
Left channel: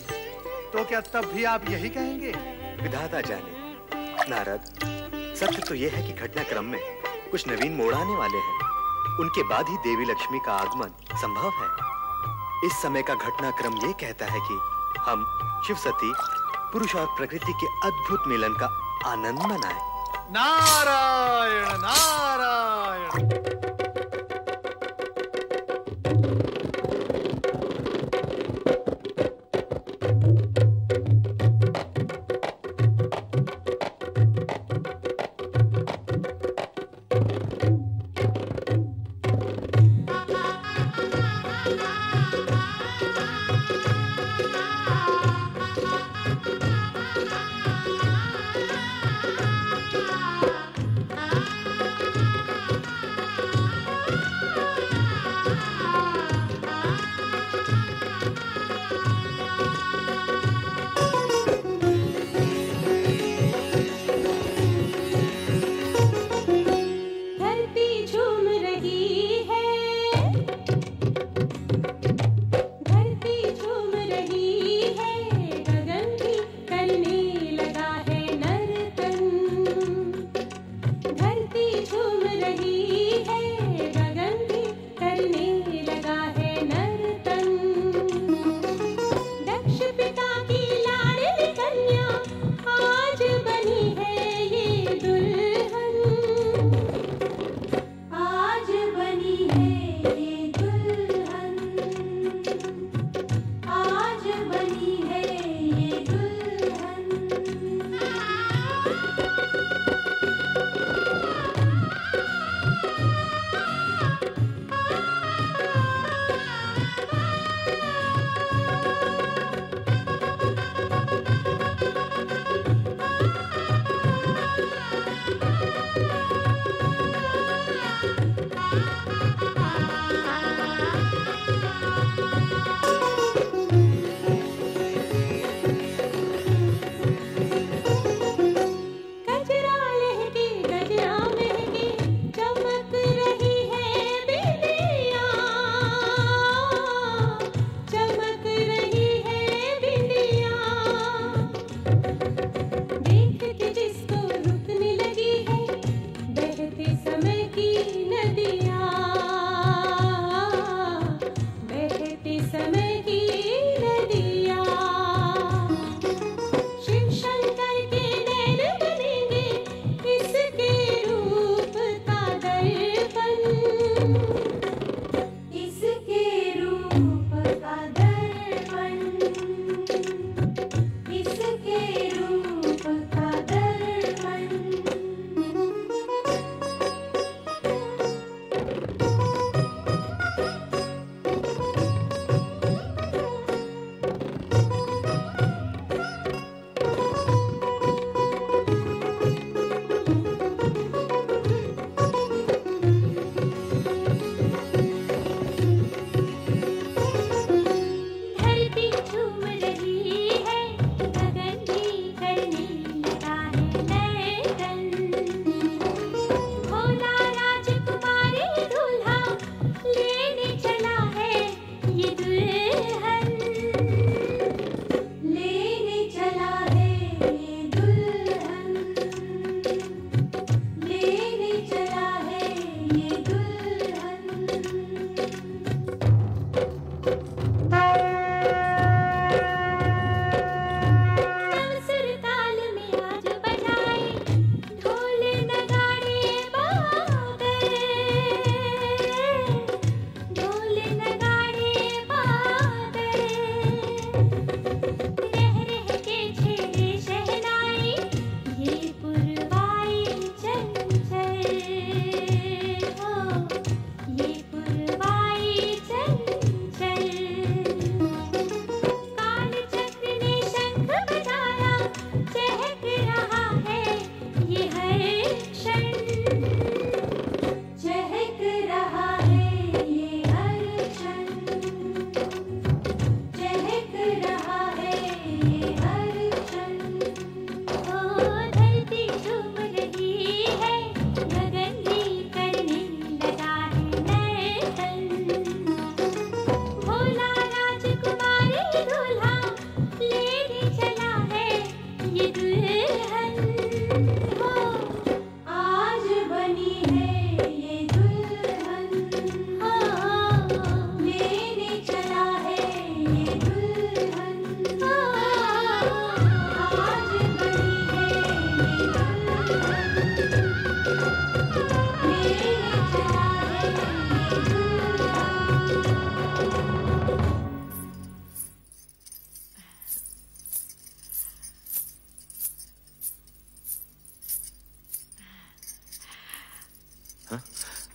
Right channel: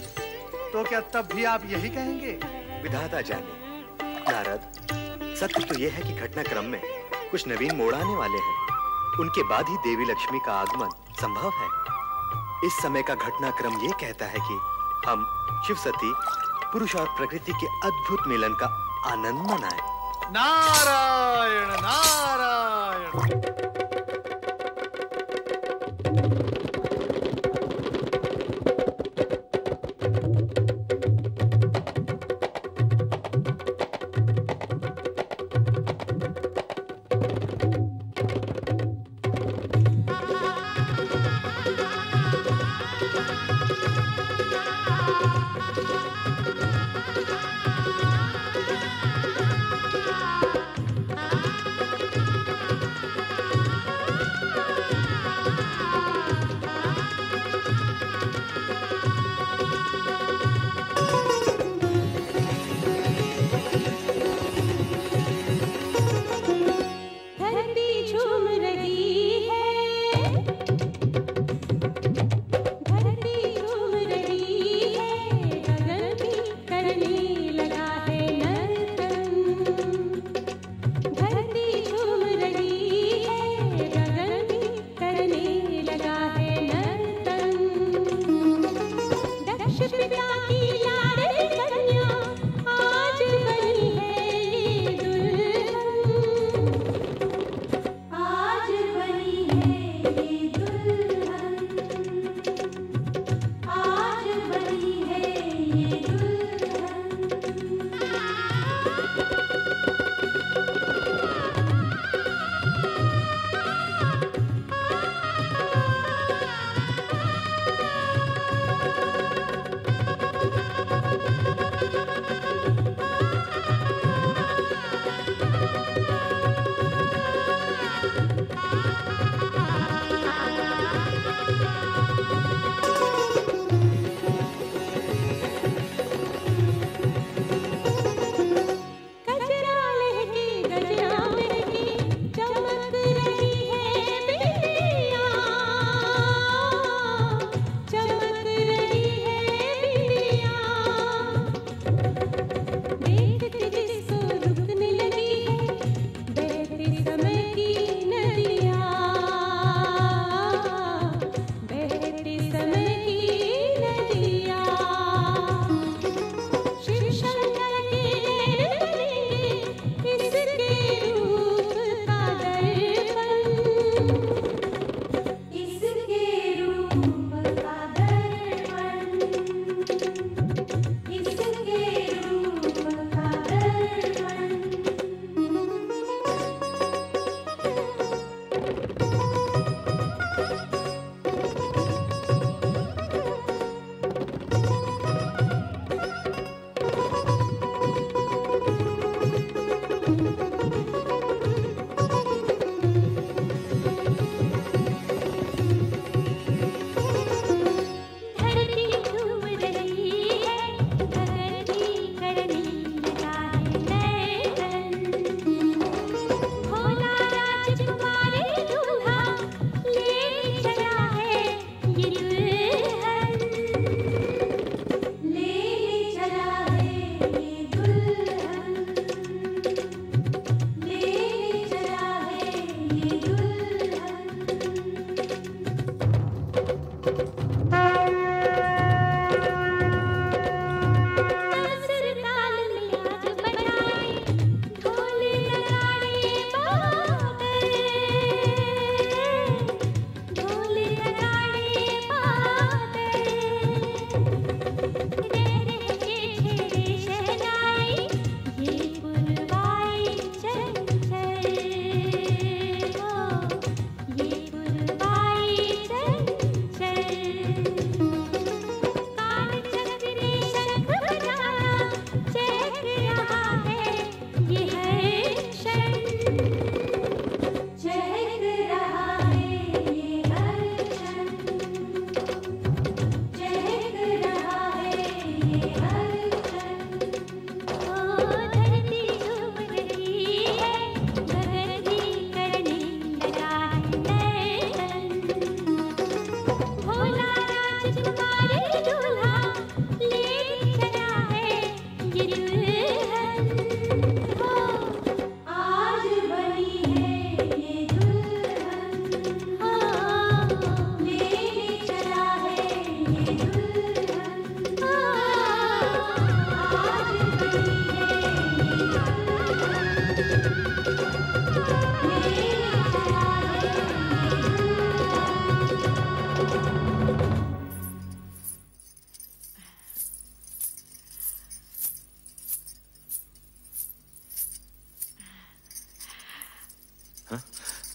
तो क्या तब भी आप यही कहेंगे? विधाता जाने। नारद, सत्य तो यह है कि घटनाक्रम में कुछ नवीन मोड़ आने वाले हैं। उनके बाद ही देवी लक्ष्मी का आगमन संभव है। इस समय का घटनाक्रम ये कहता है कि हम शिव सती, पुरुष और प्रकृति के अद्भुत मिलन का आनंद मनाएं। नारायण नारायण।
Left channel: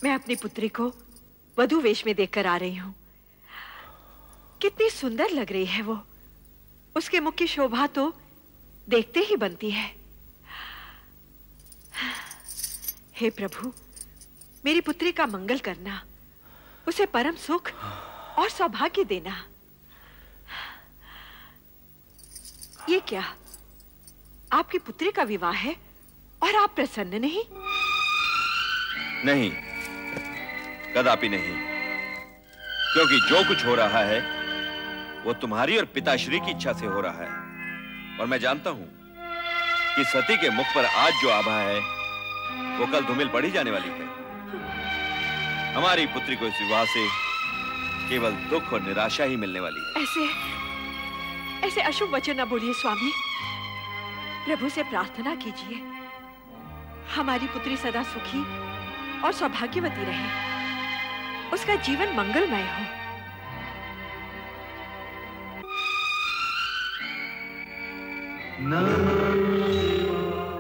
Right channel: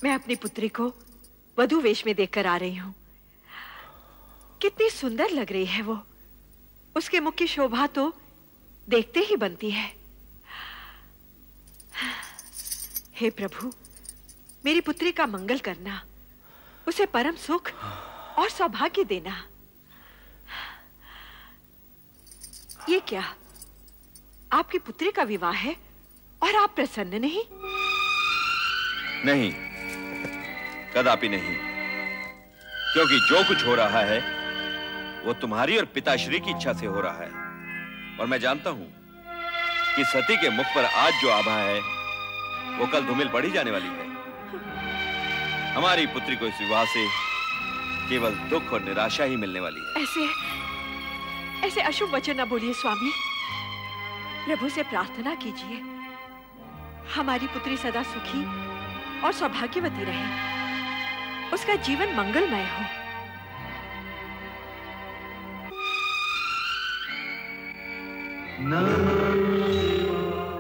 मैं अपनी पुत्री को वधू वेश में देखकर आ रही हूं। कितनी सुंदर लग रही है वो। उसके मुख की शोभा तो देखते ही बनती है। हे प्रभु, मेरी पुत्री का मंगल करना, उसे परम सुख और सौभाग्य देना। ये क्या, आपकी पुत्री का विवाह है और आप प्रसन्न नहीं? नहीं, कदापि नहीं, क्योंकि जो कुछ हो रहा है वो तुम्हारी और पिताश्री की इच्छा से हो रहा है। और मैं जानता हूं कि सती के मुख पर आज जो आभा है वो कल धूमिल पड़ी जाने वाली है। हमारी पुत्री को इस विवाह से केवल दुख और निराशा ही मिलने वाली है। ऐसे अशुभ वचन न बोलिए स्वामी। प्रभु से प्रार्थना कीजिए, हमारी पुत्री सदा सुखी और सौभाग्यवती रहे, उसका जीवन मंगलमय हो। नमः शिवाय।